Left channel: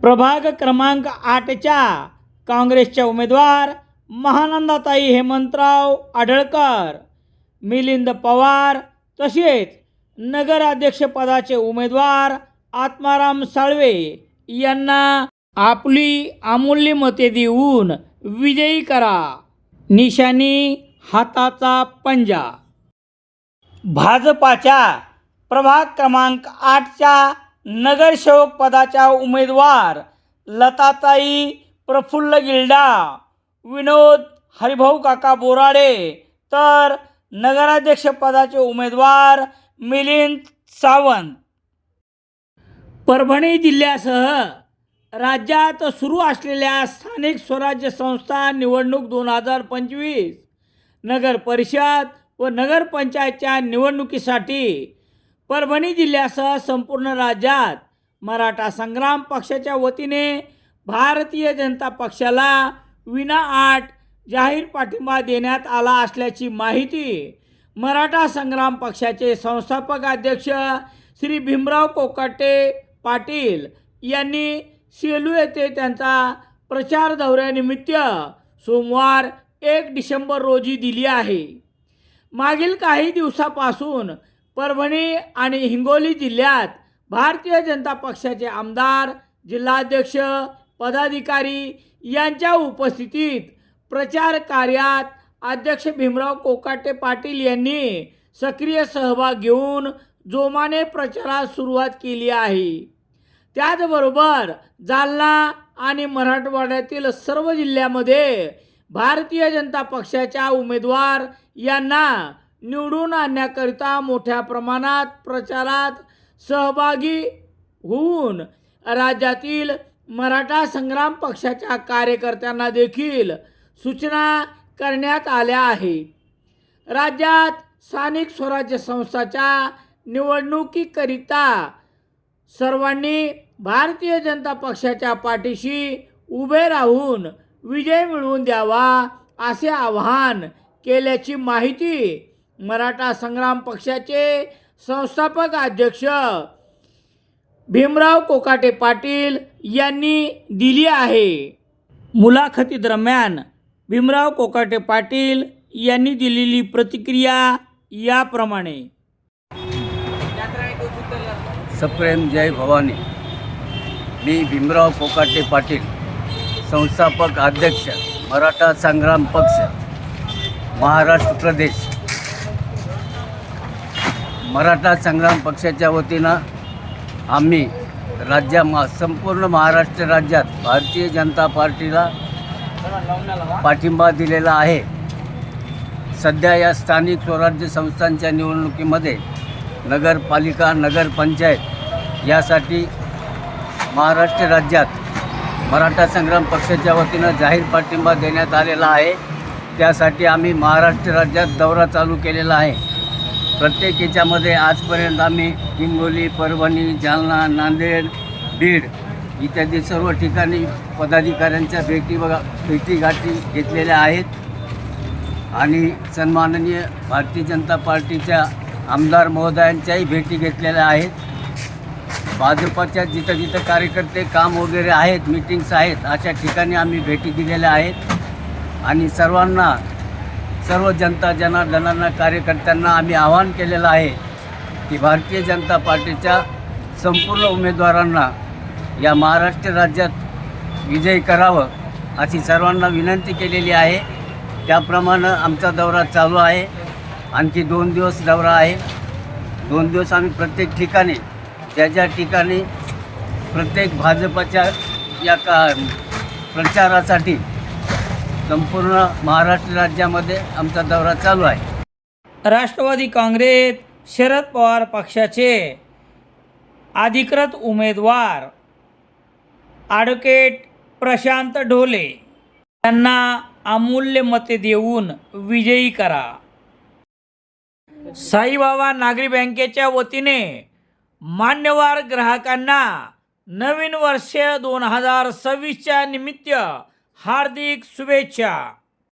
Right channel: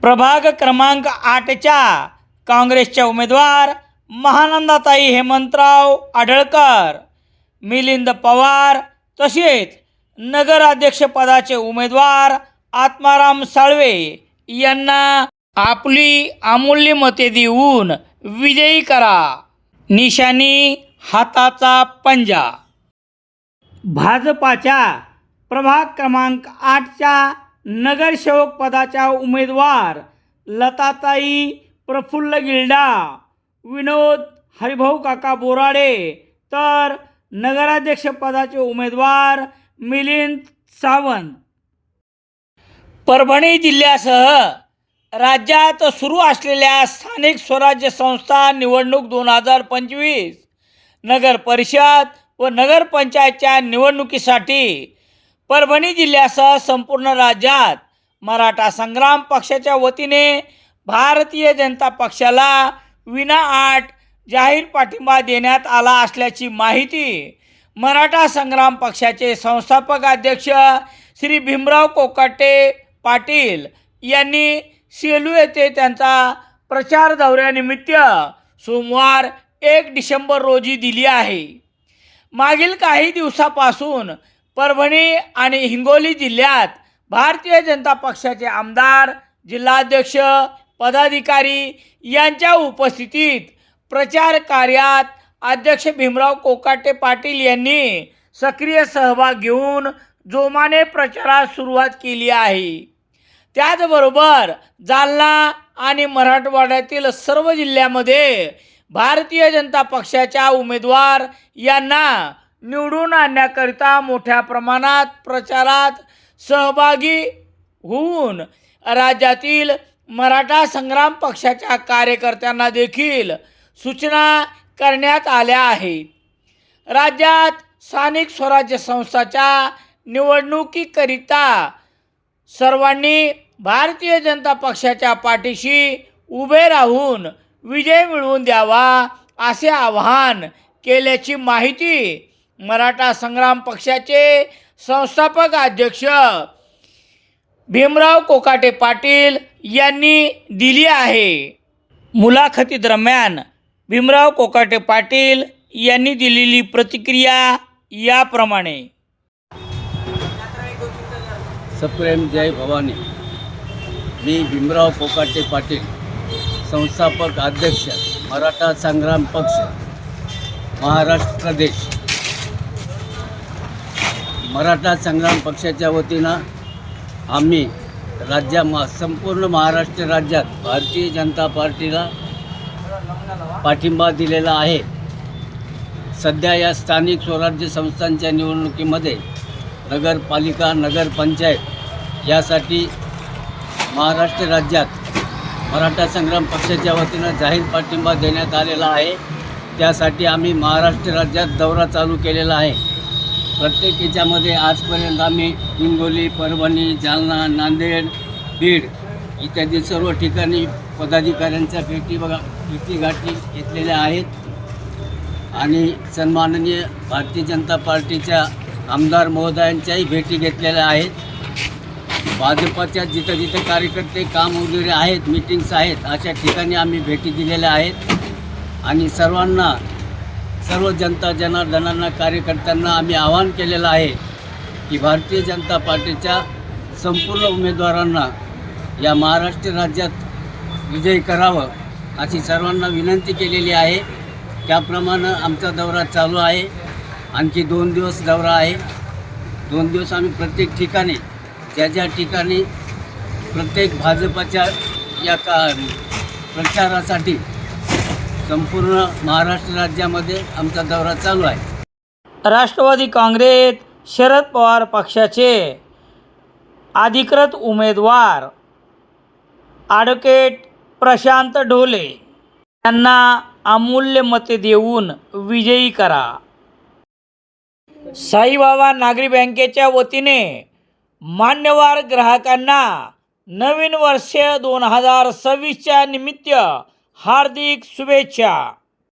प्रभाग क्रमांक 8च्या काँग्रेसच्या उमेदवार महानंदाताई हेमंतराव आढळकर, मिलिंद पवार तसेच नगराध्यक्षपदाचे उमेदवार आत्माराम साळवे यांना आपली अमूल्य मते देऊन विजयी करा. निशाणी हाताचा पंजा. भाजपाच्या प्रभाग क्रमांक 8च्या नगरसेवक पदाच्या उमेदवार लताताई प्रफुल्ल गिल्डा, विनोद हरिभाऊ काका बोराडे तर नगराध्यक्ष पदाचे उमेदवार मिलिंद सावंत. परभणी जिल्ह्यासह राज्यात सुरू असलेल्या स्थानिक स्वराज्य संस्था निवडणूक 2025 नगर परिषद व नगरपंचायतच्या निवडणुकीसाठी परभणी जिल्ह्यासह संपूर्ण राज्यात मराठा संग्राम पक्षाच्या वतीने भारतीय जनता पक्षाला विनाअट जाहीर पाठिंबा देण्यात आला असल्याची माहिती मराठा संग्राम पक्षाचे संस्थापक अध्यक्ष श्री भीमराव कोकाटे पाटील यांनी सेलू येथे त्यांचा प्रचार दौऱ्यानिमित्त सोमवार 1 डिसेंबर रोजी दिली आहे. मागील काही दिवसापासून परभणी आणि हिंगोली जिल्ह्यात भारतीय जनता पक्षाचे आमदार, जिल्हाध्यक्ष, पदाधिकारी यांच्या उपस्थितीत प्रचार कार्यात अध्यक्ष भीमराव कोकाटे पाटील यांनी सक्रिय सहभाग घेऊन जोमाने प्रचारास सुरुवात केली आहे. त्याचबरोबर जालना आणि मराठवाड्यातील सर्व जिल्ह्यामध्ये भारतीय जनता पक्षाच्या उमेदवार यांना निवडून आणण्याकरिता मोठ्या प्रमाणात प्रचारात सहभागी होऊन राज्यातील मराठा संग्राम पक्षाच्या कार्यकर्त्यांना देखील सूचना करण्यात आल्या आहेत. राज्यात स्थानिक स्वराज्य संस्थांच्या निवडणुकीकरिता सर्वांनी भारतीय जनता पक्षाच्या पाठीशी उभे राहून विजय मिळवून द्यावा असे आवाहन केल्याची माहिती मराठा संग्राम पक्षाचे संस्थापक अध्यक्ष भीमराव कोकाटे पाटील यांनी दिली आहे. मुलाखतीदरम्यान भीमराव कोकाटे पाटील यांनी दिलेली प्रतिक्रिया याप्रमाणे. सप्रेम जय भवानी. मी भीमराव कोकाटे पाटील, संस्थापक अध्यक्ष मराठा संग्राम पक्ष महाराष्ट्र प्रदेश. मराठा संग्राम पक्षाच्या वतीनं आम्ही संपूर्ण महाराष्ट्र राज्यात भारतीय जनता पार्टीला पाठिंबा दिलेला आहे. सध्या या स्थानिक स्वराज्य संस्थांच्या निवडणुकीमध्ये नगरपालिका, नगरपंचायत यासाठी महाराष्ट्र राज्यात मराठा संग्राम पक्षाच्या वतीनं जाहीर पाठिंबा देण्यात आलेला आहे. त्यासाठी आम्ही महाराष्ट्र राज्यात दौरा चालू केलेला आहे. प्रत्येक याच्यामध्ये आजपर्यंत आम्ही हिंगोली, परभणी, जालना, नांदेड, बीड इत्यादी सर्व ठिकाणी पदाधिकाऱ्यांच्या भेटीगाठी घेतलेल्या आहेत आणि सन्माननीय भारतीय जनता पार्टीच्या आमदार महोदयांच्याही भेटी घेतलेल्या आहेत. भाजपाच्या जिथं जिथं कार्यकर्ते काम वगैरे आहेत, मीटिंग्स आहेत, अशा ठिकाणी आम्ही भेटी दिलेल्या आहेत आणि सर्व जनता जनार्दनांना, कार्यकर्त्यांना आम्ही आवाहन केलेलं आहे की भारतीय जनता पार्टीच्या संपूर्ण उमेदवारांना या महाराष्ट्र राज्यात विजयी करावं अशी सर्वांना विनंती केलेली आहे. त्याप्रमाणे आमचा दौरा चालू आहे. आणखी 2 दिवस दौरा आहे. 2 दिवस आम्ही प्रत्येक ठिकाणी ज्या ठिकाणी प्रत्येक भाजपाच्या या प्रचारासाठी संपूर्ण महाराष्ट्र राज्यामध्ये आमचा दौरा चालू आहे. राष्ट्रवादी काँग्रेस शरद पवार पक्षाचे अधिकृत उमेदवार ॲडव्होकेट प्रशांत ढोले यांना अमूल्य मते देऊन विजयी करा. साईबाबा नागरी बँकेच्या वतीने मान्यवर ग्राहकांना नवीन वर्ष 2026च्या निमित्त हार्दिक शुभेच्छा.